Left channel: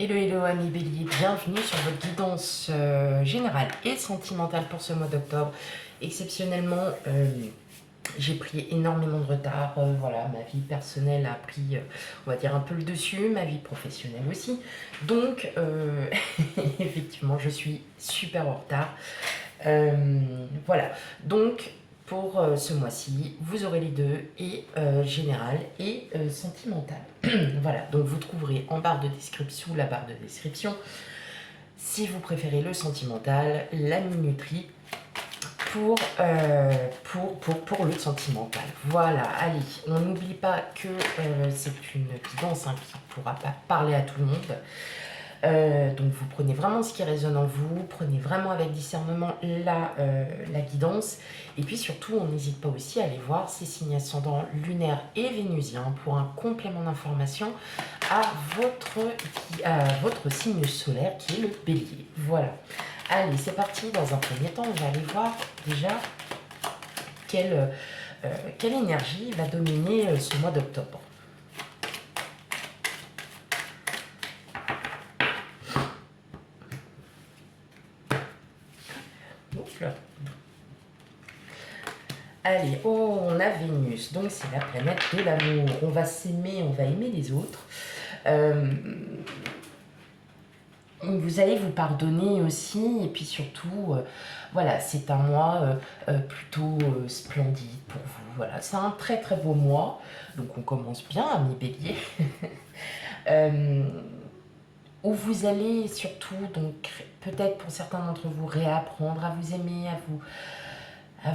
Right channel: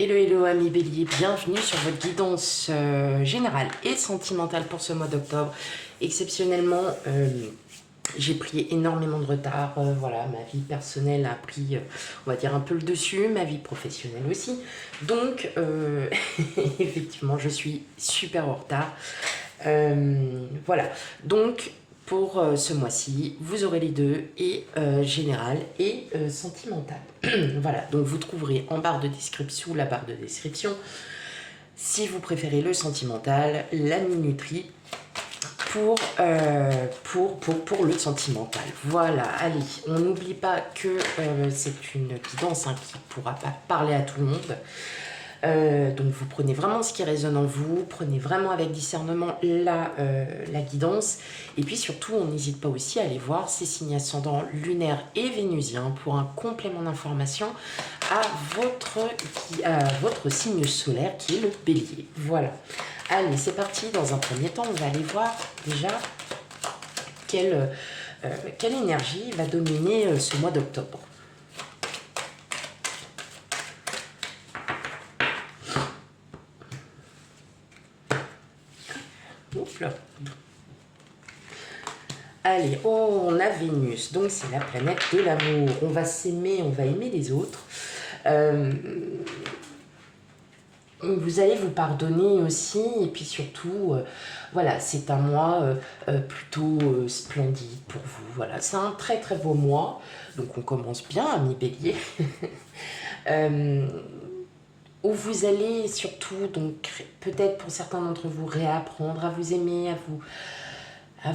Hello, hello amis bélier, bienvenue sur votre guidance générale et sentimentale pour ce mois d'octobre. Exceptionnellement, j'ai pris énormément de retard, voilà, ma vie personnelle a pris, on va dire, un peu le dessus, ma vie professionnelle aussi. Donc, effectivement, je suis super en retard. Voilà, donc pour ce mois-ci, vous aurez les deux, et général et sentimental. Voilà, donc vous trouverez en barre de description, sous la barre de description, si vous préférez le sentimental, la minuterie pour le sentimental. Voilà, allez, on n'oublie pas que c'est une guidance qui ne pourra pas parler à tout le monde. Donc vous prenez vraiment ce qui résonne en vous, prenez vraiment avec discernement la guidance, et puis surtout on n'hésite pas aussi à aller voir ces signes ascendants lunaires et vénusiens pour un complément d'information à votre signe solaire qui est le bélier. Voilà, allez c'est parti. Dans un premier temps on va aller voir déjà quelle énergie va dominer ce mois d'octobre. Ouf. Allez, oh, on a Vénus, donc c'est la planète de l'amour. On va s'aimer, on va aimer les autres. Vous allez vous pardonner aussi, et puis surtout, voilà, c'est un mois plutôt splendide pour vous. Voilà, c'est un très très beau mois, donc on commence bien, ami Bélier. Où vous allez surtout, donc peut-être pour certains d'entre vous, réapprendre à vous aimer, à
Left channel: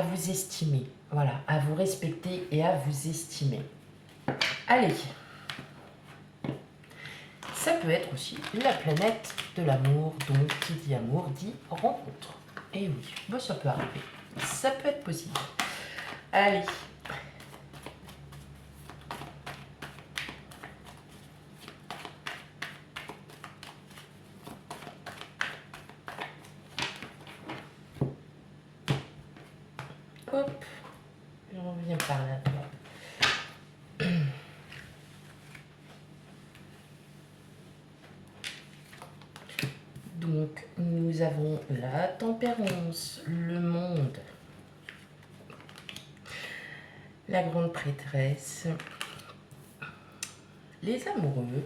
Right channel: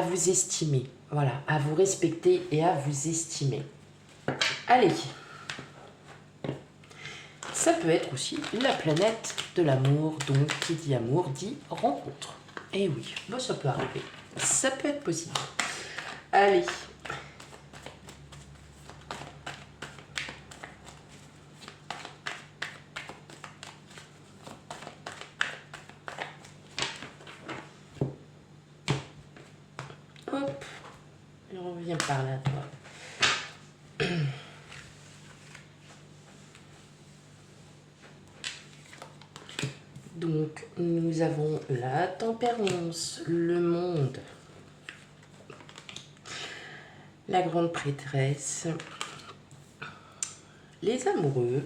vous estimer, voilà, à vous respecter et à vous estimer. Allez, ça peut être aussi la planète de l'amour, donc qui dit amour dit rencontre. Et oui, bon, ça peut arriver, ça peut être possible. Allez. Hop, je reviens par là, toi. Donc, nous avons la tempérance, le monde, la grande prêtresse, les amoureux,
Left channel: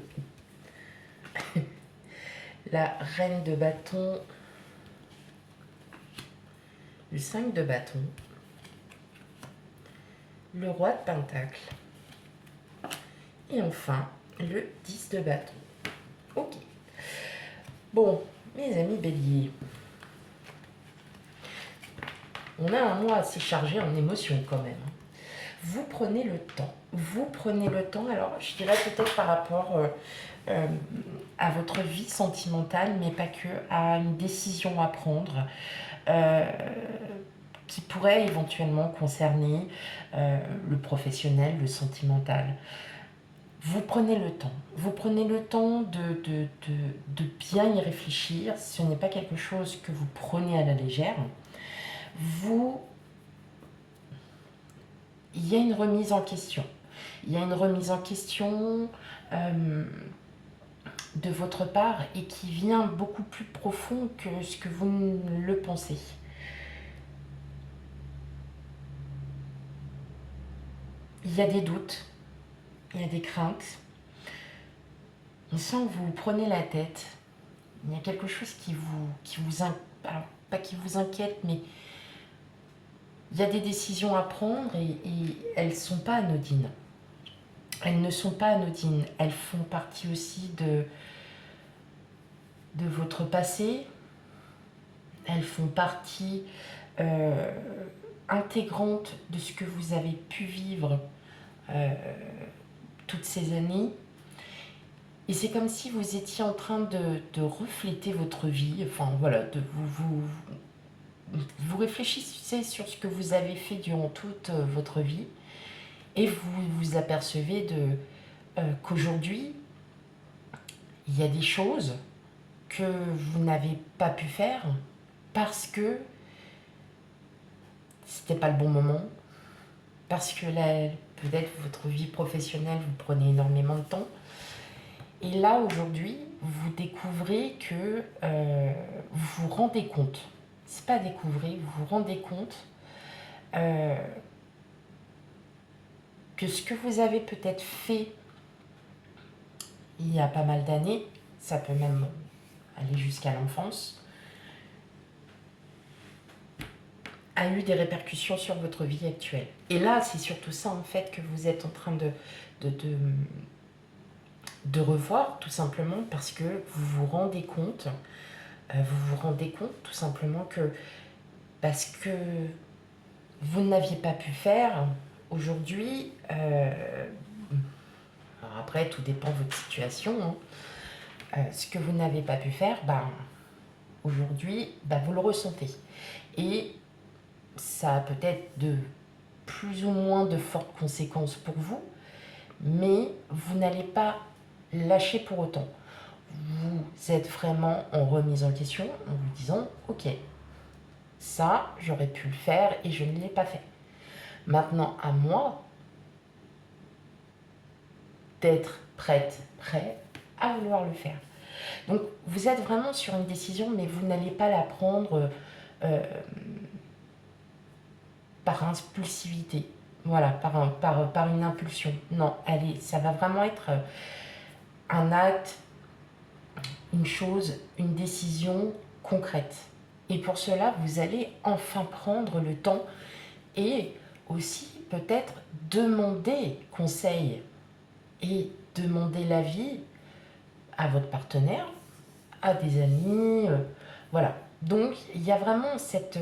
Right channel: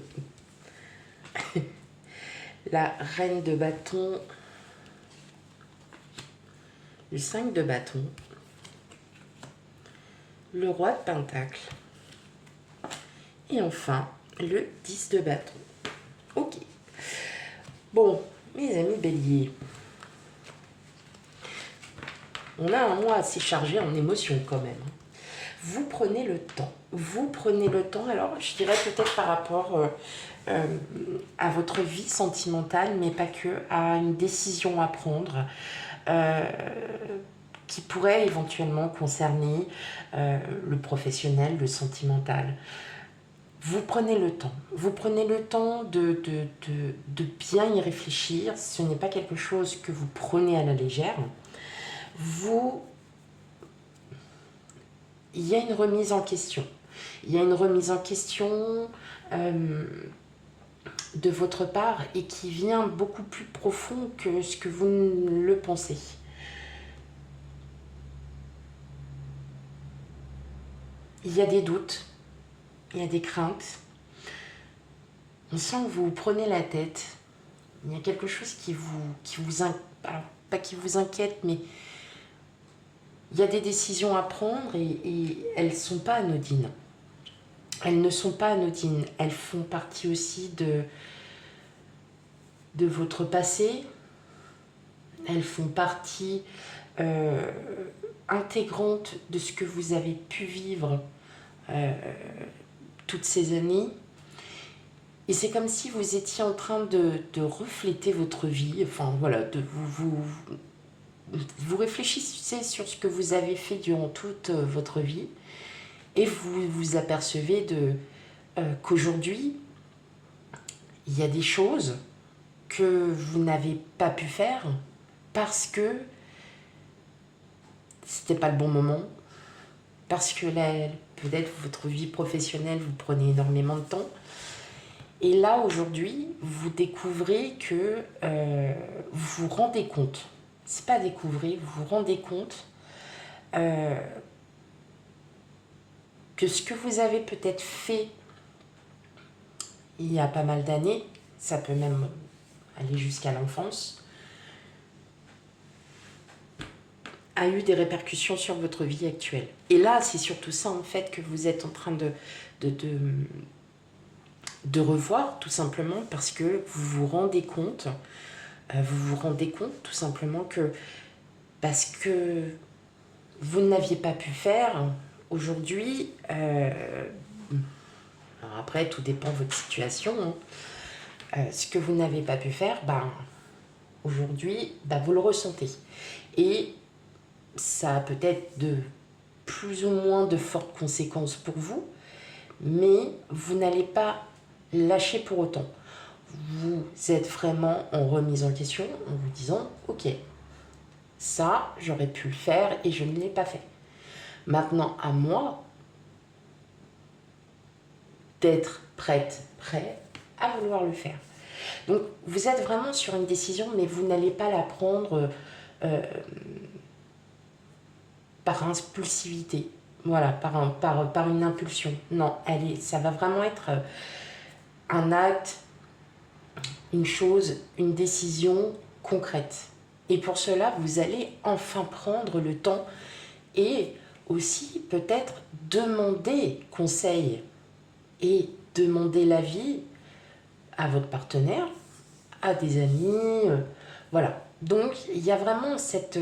la reine de bâton, le 5 de bâton, le roi de pentacle, et enfin, le 10 de bâton. Ok. Bon, mes amis béliers, on a un mois assez chargé en émotions quand même. Vous prenez le temps. Vous prenez le temps, alors je dirais peut-être par rapport à votre vie sentimentale, mais pas que, à une décision à prendre qui pourrait éventuellement concerner le professionnel, le sentimental. Vous prenez le temps. Vous prenez le temps de bien y réfléchir. Ce n'est pas quelque chose que vous prenez à la légère. Il y a une remise en question. Il y a une remise en question de votre part et qui vient beaucoup plus profond que ce que vous ne le pensez. Il y a des doutes, il y a des craintes. On sent que vous prenez la tête. Il y a quelque chose pas qui vous inquiète, mais il y a des décisions à prendre et elles ne sont pas anodines. Elles ne sont pas anodines. Elles font partie aussi de votre passé. Elles font partie intégrante de ce que vous avez pu vivre toutes ces années. Et c'est comme si vous étiez en train de refléter votre vie. Enfin voilà, vous réfléchissez sur ce que vous avez fait durant toute votre vie et vous vous apercevez qu'aujourd'hui, il y a des choses que vous n'avez pas pu faire parce que c'était pas le bon moment, parce que peut-être votre vie professionnelle vous prenait énormément de temps Et là, aujourd'hui, vous découvrez que vous vous rendez compte, c'est pas découvrir, vous vous rendez compte euh, que ce que vous avez peut-être fait il y a pas mal d'années, ça peut même aller jusqu'à l'enfance, a eu des répercussions sur votre vie actuelle. Et là, c'est surtout ça en fait que vous êtes en train de, de, de revoir tout simplement parce que vous vous rendez compte tout simplement que parce que vous n'aviez pas pu faire aujourd'hui, alors après tout dépend de votre situation, hein, ce que vous n'avez pas pu faire, aujourd'hui, vous le ressentez. Et ça a peut-être de plus ou moins de fortes conséquences pour vous, mais vous n'allez pas lâcher pour autant. Vous êtes vraiment en remise en question en vous disant, ok, ça, j'aurais pu le faire et je ne l'ai pas fait. Maintenant, à moi d'être prête, prêt à vouloir le faire. Donc, vous êtes vraiment sur une décision, mais vous n'allez pas la prendre euh, par impulsivité. Voilà, par une impulsion. Non, allez, ça va vraiment être un acte, une chose, une décision concrète. Et pour cela, vous allez enfin prendre le temps et aussi peut-être demander conseil et demander l'avis à votre partenaire, à des amis, voilà. Donc il y a vraiment cette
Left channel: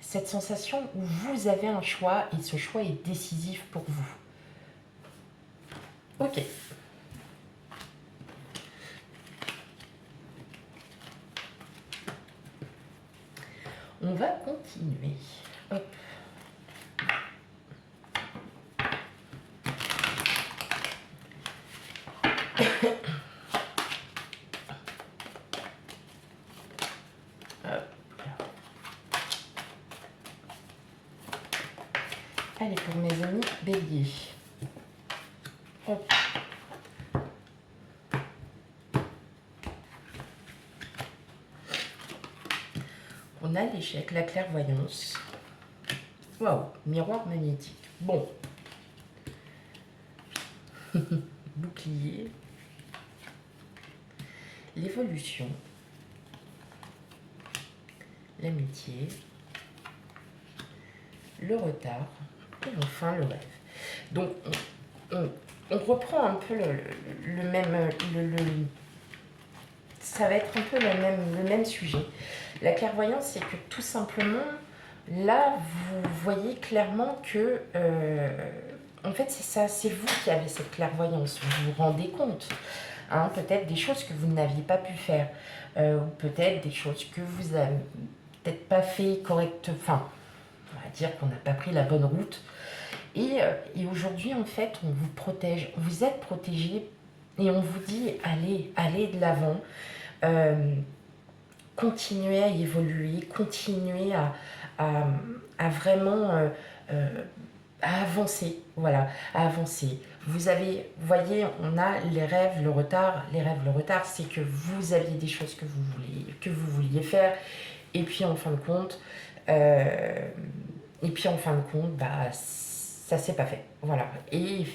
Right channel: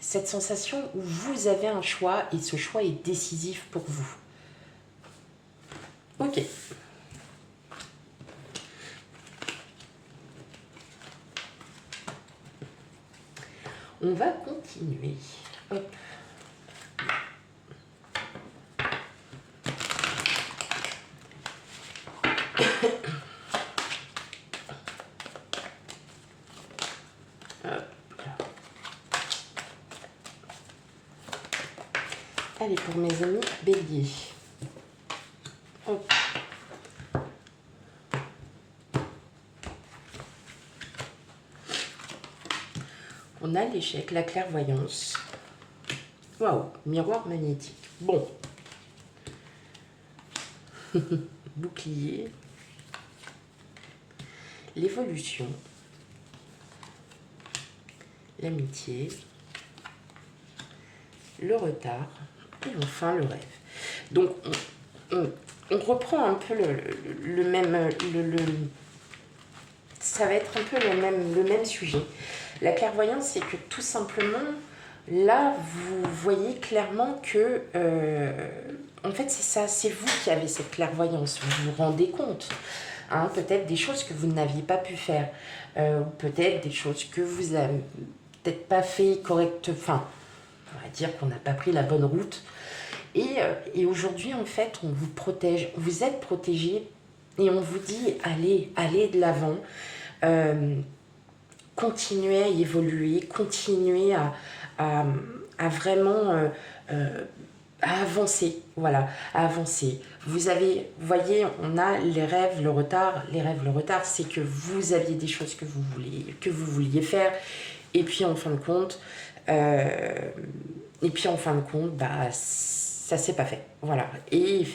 sensation où vous avez un choix et ce choix est décisif pour vous. Ok. On va continuer. Hop. Hop. Allez, pour mes amis béliers. Hop. On a l'échec, la clairvoyance. Waouh, miroir magnétique. Bon. Bouclier. L'évolution. L'amitié. Le retard. Et enfin le rêve. Donc, on reprend un peu le même... ça va être un peu le même sujet. La clairvoyance, c'est que tout simplement, là, vous voyez clairement que... en fait, c'est ça, c'est vous qui avez cette clairvoyance. Vous vous rendez compte. Hein, peut-être des choses que vous n'aviez pas pu faire. Ou peut-être des choses que vous n'avez peut-être pas fait correctement. Enfin, on va dire qu'on n'a pas pris la bonne route. Et aujourd'hui, en fait, on vous protège. Vous êtes protégé et on vous dit, allez de l'avant. Continuez à évoluer, continuez à vraiment à avancer, voilà, à avancer. Vous voyez, on a les rêves, le retard. Les rêves, le retard, c'est que vous aviez des choses que vous vouliez faire, et puis en fin de compte, ça s'est pas fait, voilà. Et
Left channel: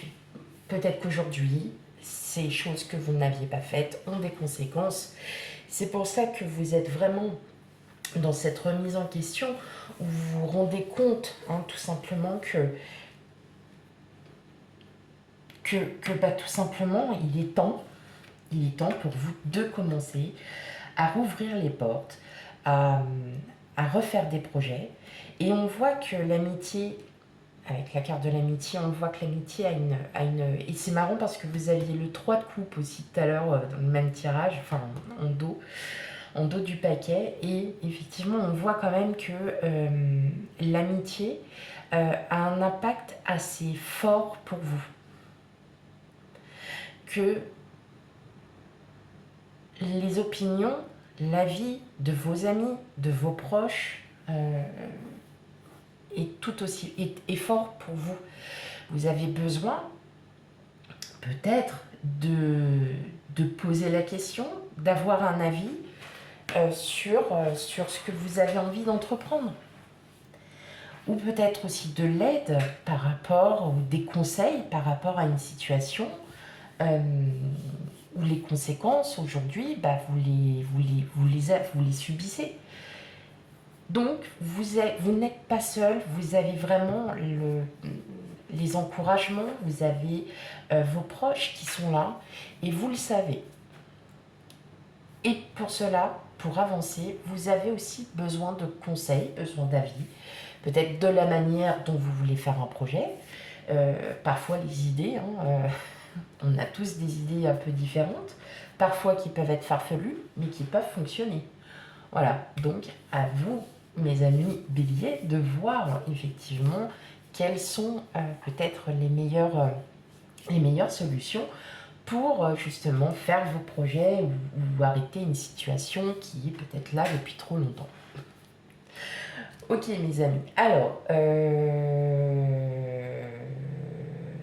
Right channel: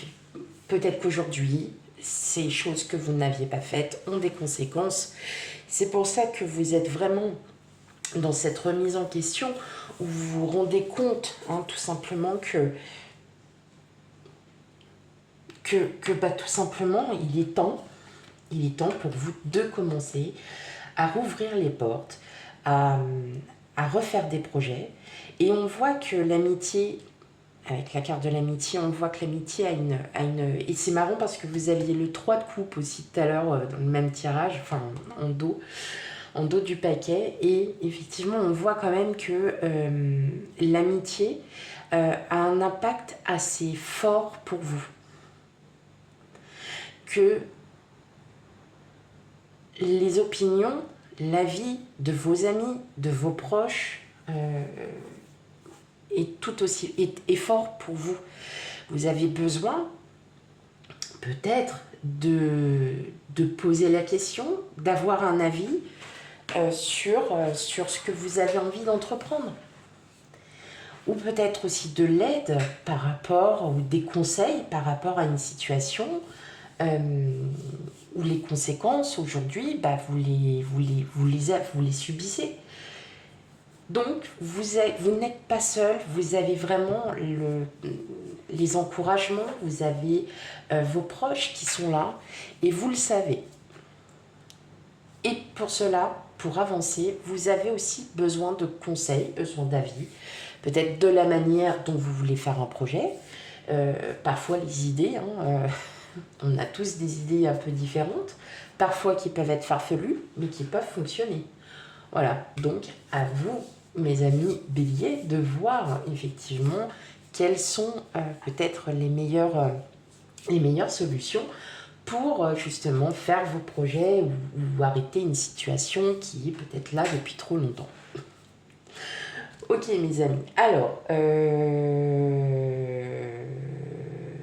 peut-être qu'aujourd'hui, ces choses que vous n'aviez pas faites ont des conséquences. C'est pour ça que vous êtes vraiment dans cette remise en question où vous vous rendez compte, hein, tout simplement tout simplement, il est temps pour vous de commencer à rouvrir les portes, à, à refaire des projets. Et on voit que l'amitié, avec la carte de l'amitié, on voit que l'amitié a une... Et c'est marrant parce que vous aviez le 3 de coupe aussi tout à l'heure dans le même tirage, enfin en dos du paquet. Et effectivement, on voit quand même que l'amitié a un impact assez fort pour vous. Que les opinions, l'avis de vos amis, de vos proches est tout aussi est fort pour vous. Vous avez besoin peut-être de de poser la question, d'avoir un avis sur ce que vous avez envie d'entreprendre. Ou peut-être aussi de l'aide par rapport, ou des conseils par rapport à une situation euh, où les conséquences aujourd'hui, bah, vous les subissez. Donc, vous n'êtes pas seul, vous avez vraiment les encouragements, vous avez vos proches qui sont là, et vous le savez. Et pour cela, pour avancer, vous avez aussi besoin de conseils, besoin d'avis, peut-être de la manière dont vous voulez faire un projet, parfois les idées, on a tous des idées un peu différentes, parfois qui peuvent être farfelues, mais qui peuvent fonctionner. Voilà, donc à vous, mes amis béliers, de voir effectivement quelles sont peut-être les meilleures solutions pour justement faire vos projets ou arrêter une situation qui est peut-être là depuis trop longtemps. Ok mes amis, alors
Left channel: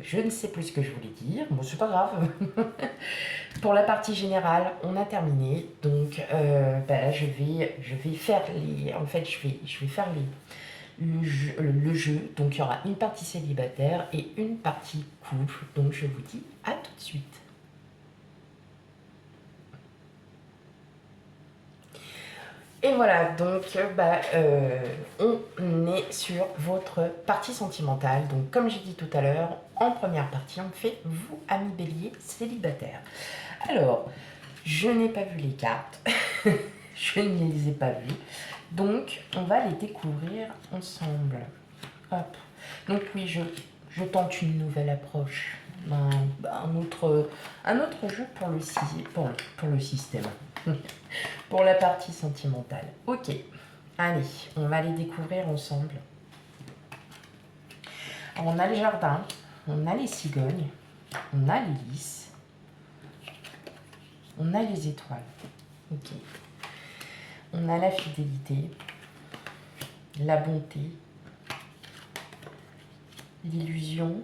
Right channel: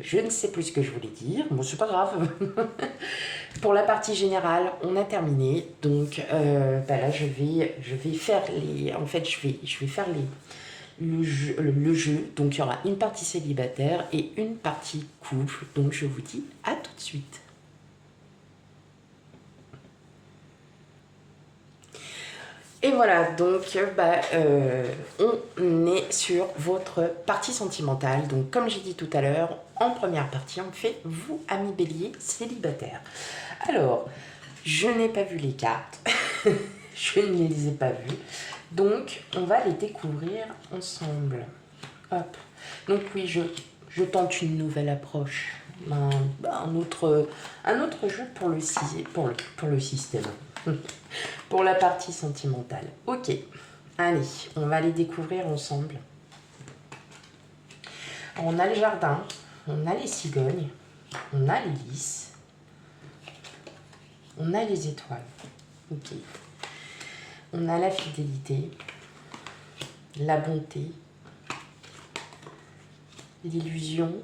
je ne sais plus ce que je voulais dire, bon c'est pas grave. Pour la partie générale, on a terminé, donc là je vais faire les, en fait je vais faire le jeu, donc il y aura une partie célibataire et une partie couple, donc je vous dis à tout de suite. Et voilà, donc on est sur votre partie sentimentale. Donc comme j'ai dit tout à l'heure, en première partie, on fait vous, amis bélier, célibataire. Alors, je n'ai pas vu les cartes, je ne les ai pas vues, donc on va les découvrir ensemble. Hop. Donc oui, je tente une nouvelle approche, un autre jeu pour pour le système. Pour la partie sentimentale. Ok, allez, on va les découvrir ensemble. Alors, on a le jardin, on a les cigognes, on a les lys, on a les étoiles. Ok. On a la fidélité, la bonté, l'illusion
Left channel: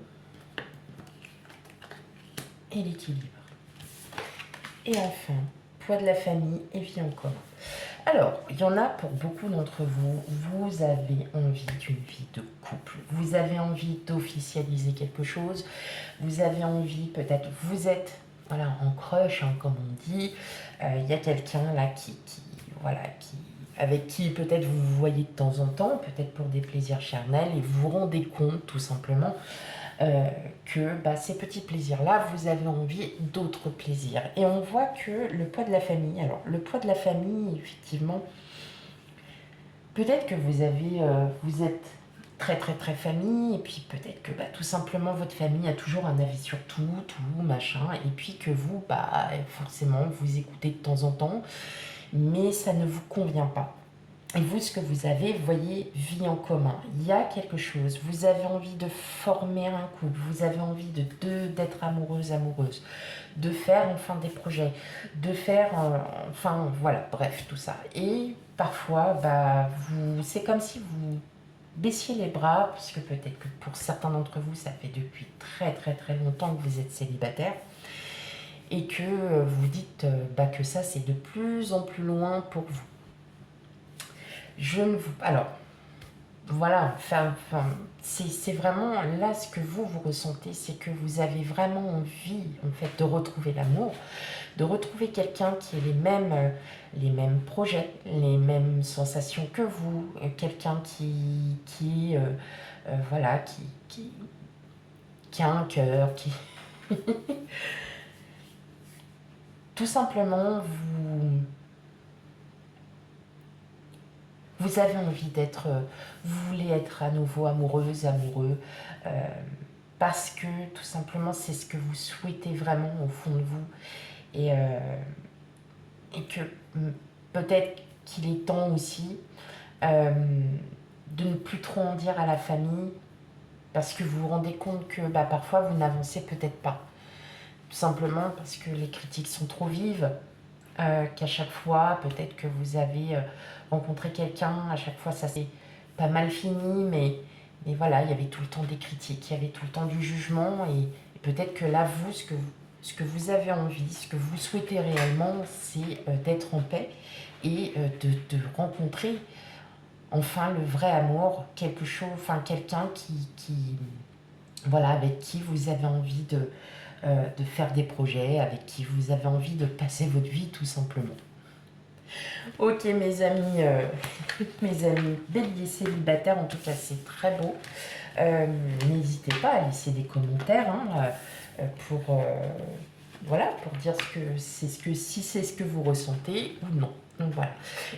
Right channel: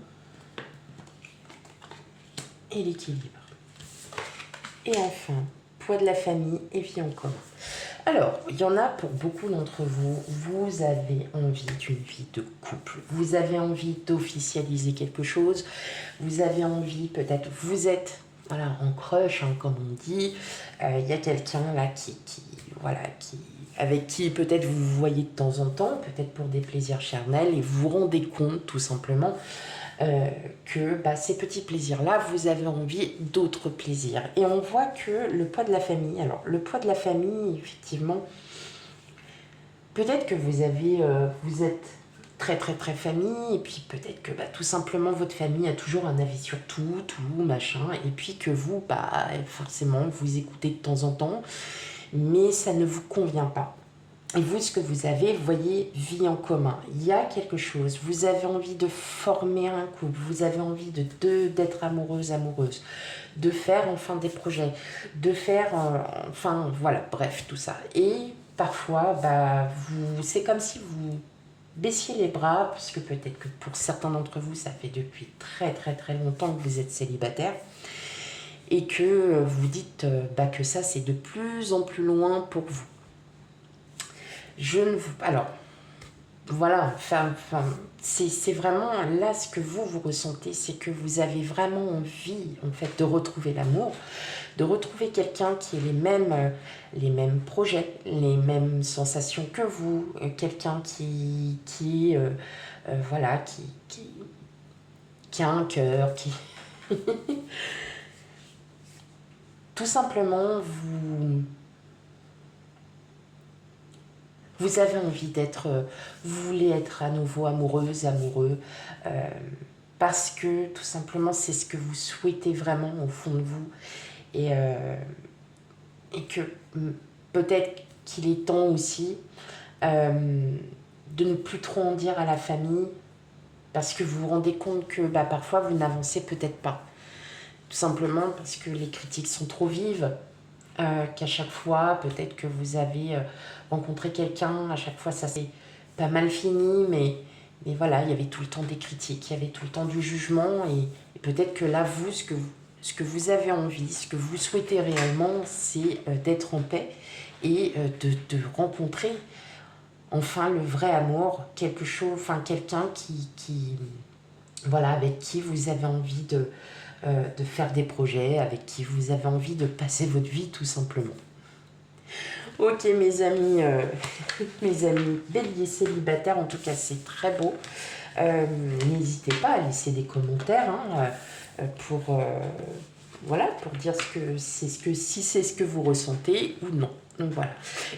et l'équilibre. Et enfin, poids de la famille et vie en commun. Alors, il y en a pour beaucoup d'entre vous, vous avez envie d'une vie de couple, vous avez envie d'officialiser quelque chose, vous avez envie, peut-être, vous êtes voilà, en crush, comme on dit, il y a quelqu'un là avec qui peut-être vous vous voyez de temps en temps, peut-être pour des plaisirs charnels, et vous vous rendez compte tout simplement que ces petits plaisirs-là, vous avez envie d'autres plaisirs. Et on voit que le poids de la famille, alors le poids de la famille, effectivement, peut-être que vous êtes très très très famille, et puis peut-être que tout simplement votre famille a toujours un avis sur tout, machin, et puis que vous, forcément, vous écoutez de temps en temps, mais ça ne vous convient pas. Et vous, ce que vous avez, vous voyez, vie en commun. Il y a quelque chose. Vous avez envie de former un couple. Vous avez envie d'être amoureuse, de faire enfin des projets, de faire, voilà, bref, tout ça. Et parfois, c'est comme si vous baissiez les bras, parce que peut-être que pour certains d'entre vous, ça fait depuis très très très longtemps que vous êtes célibataire, et que vous dites que ça, c'est de plus en plus loin pour vous. Alors, voilà, c'est vraiment là ce que vous ressentez, c'est que vous avez vraiment envie, en fait, de retrouver l'amour, de retrouver quelqu'un qui ait les mêmes projets, les mêmes sensations que vous, quelqu'un qui a un cœur, qui... Tout simplement, vous avez envie vous voulez être à nouveau amoureuse, amoureux, parce que tout simplement c'est ce que vous souhaitez vraiment au fond de vous, et que peut-être qu'il est temps aussi de ne plus trop en dire à la famille, parce que vous vous rendez compte que parfois vous n'avancez peut-être pas, tout simplement parce que les critiques sont trop vives, qu'à chaque fois peut-être que vous avez rencontré quelqu'un, à chaque fois ça s'est pas mal fini, mais voilà, il y avait tout le temps des critiques, il y avait tout le temps du jugement, et peut-être que là, ce que ce que vous avez envie, ce que vous souhaitez réellement, c'est d'être en paix et de rencontrer enfin le vrai amour, quelque chose, enfin quelqu'un voilà, avec qui vous avez envie de faire des projets, avec qui vous avez envie de passer votre vie tout simplement. Ok mes amis, mes amis béliers célibataires, en tout cas c'est très beau. N'hésitez pas à laisser des commentaires pour, voilà, pour dire si c'est ce que vous ressentez ou non. Donc voilà.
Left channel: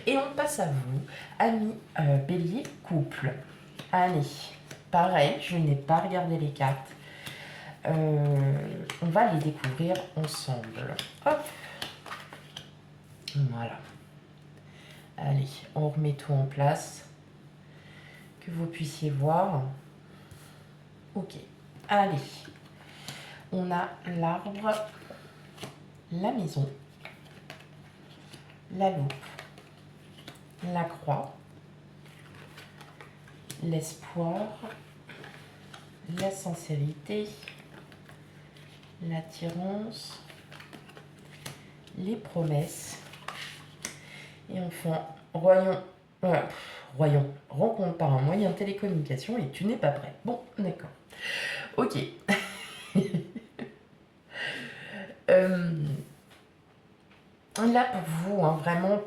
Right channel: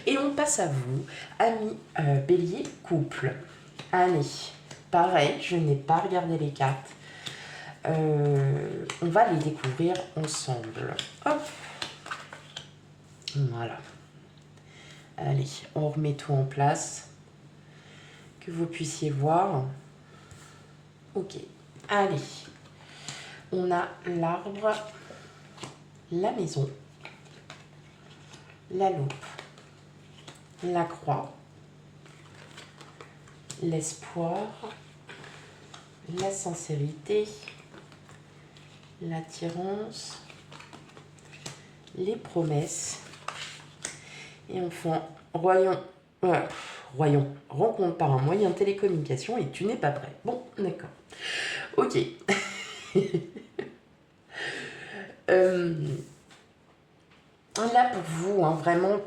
Et on passe à vous, amis bélier couple. Allez, pareil, je n'ai pas regardé les cartes. On va les découvrir ensemble. Hop. Voilà. Allez, on remet tout en place. Que vous puissiez voir. Ok. Allez. On a l'arbre, la maison, la loupe, la croix, l'espoir, la sincérité, l'attirance, les promesses. Et enfin, royaume, rencontre par un moyen de télécommunication et tu n'es pas prêt. Bon, d'accord. Ok. Là, pour vous, hein, vraiment,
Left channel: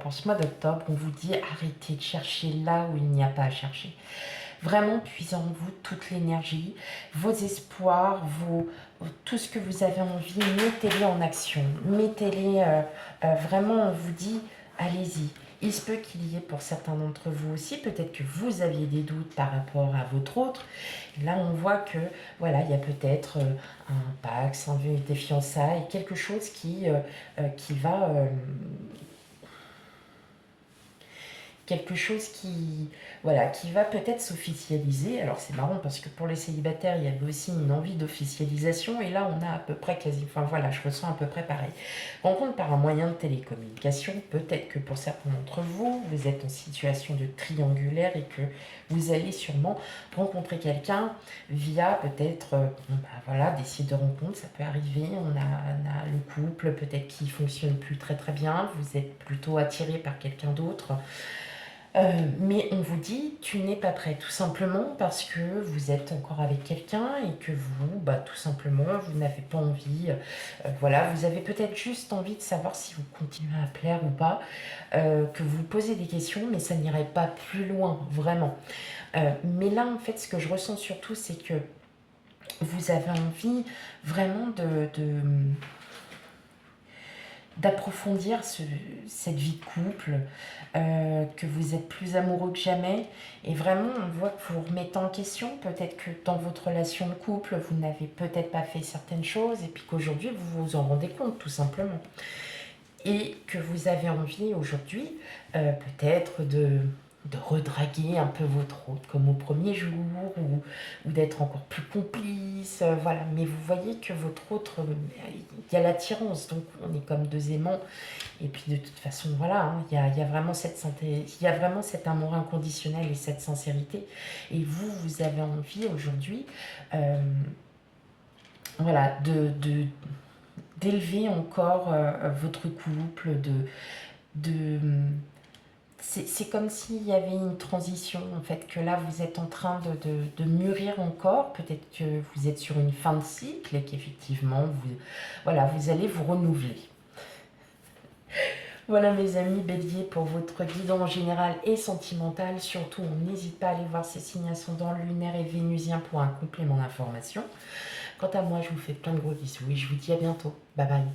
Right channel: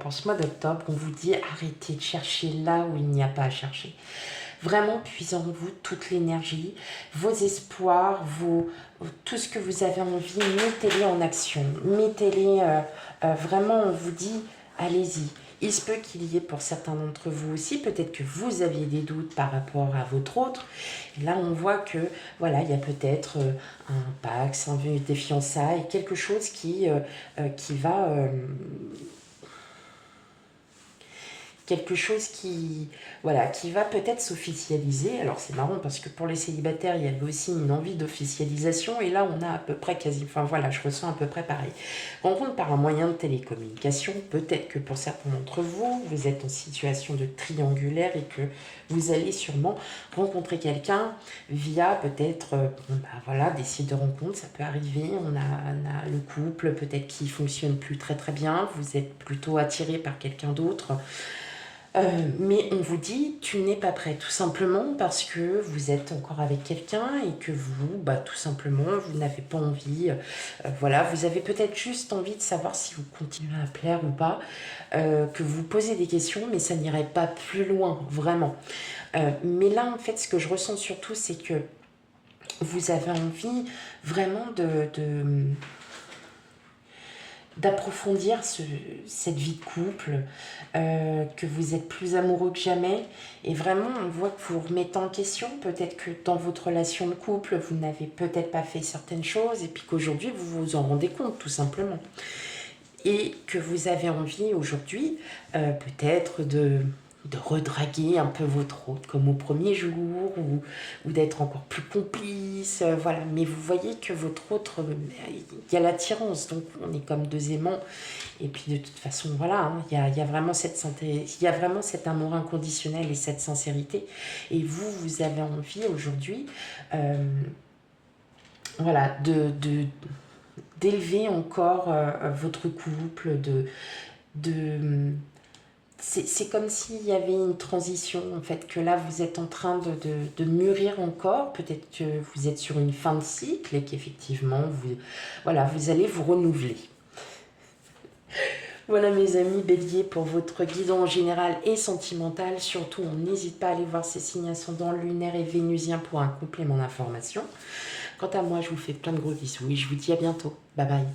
pour ce mois d'octobre, on vous dit arrêtez de chercher là où il n'y a pas à chercher. Vraiment, puisez en vous toute l'énergie, vos espoirs, tout ce que vous avez envie, mettez-les en action. Mettez-les, vraiment, on vous dit, allez-y. Il se peut qu'il y ait pour certains d'entre vous aussi, peut-être que vous aviez des doutes par rapport à votre autre. Là, on voit que, voilà, il y a peut-être un pax, des fiançailles, quelque chose qui va... quelque chose voilà, qui va peut-être s'officialiser. Alors c'est marrant parce que pour les célibataires, il y avait aussi une envie d'officialisation et là on a à peu près enfin voilà, je ressens à peu près pareil. Rencontre par un moyen de télécommunication, peut-être que pour certains d'entre vous, vous êtes en situation de triangulaire et que vous allez sûrement rencontrer quelqu'un via peut-être voilà, des sites de rencontres, ça peut arriver. On a le couple peut-être qui fonctionne plus très très bien, vous êtes plutôt attiré par quelqu'un d'autre. Mais on vous dit, tu n'es pas prêt, tout simplement parce que vous êtes encore avec quelqu'un et que vous, tout simplement, vous n'avez pas envie. Voilà, vous avez peut-être juste envie de savoir si vous continuez à plaire ou pas, que vous posez des questions, mais ça n'irait pas plus loin, vraiment. Mais là, en fait, ce que je ressens surtout, c'est que vous avez envie vraiment d'approfondir cette vie de couple, que vous êtes plus amoureux que jamais. Et vraiment, on voit que vous remettez en question. Peut-être que dans votre relation de couple, vous n'avez peut-être pas fait certaines choses et puis qu'aujourd'hui, vous vous en rendez compte, tout simplement. Et que vous avez envie aujourd'hui, peut-être de redraguer un peu votre autre comme au premier jour ou d'être encore plus complice, voilà. Mais vous voyez que votre autre, il y a l'attirance, donc on est comme deux aimants. Et puis de toute façon, voilà, hein, il y a vraiment il y a vraiment cet amour inconditionnel et cette sincérité. Et vous avez envie aujourd'hui, voilà, d'élever encore votre couple, de c'est comme s'il y avait une transition, en fait, que là, vous êtes en train de mûrir encore. Peut-être que vous êtes sur une fin de cycle et qu'effectivement, voilà, vous allez vous renouveler. Voilà mes amis béliers pour votre guidance générale et sentimentale. Surtout, on n'hésite pas à aller voir ces signes ascendants lunaires et vénusiens pour un complément d'information. Quant à moi, je vous fais plein de gros bisous et je vous dis à bientôt. Bye bye.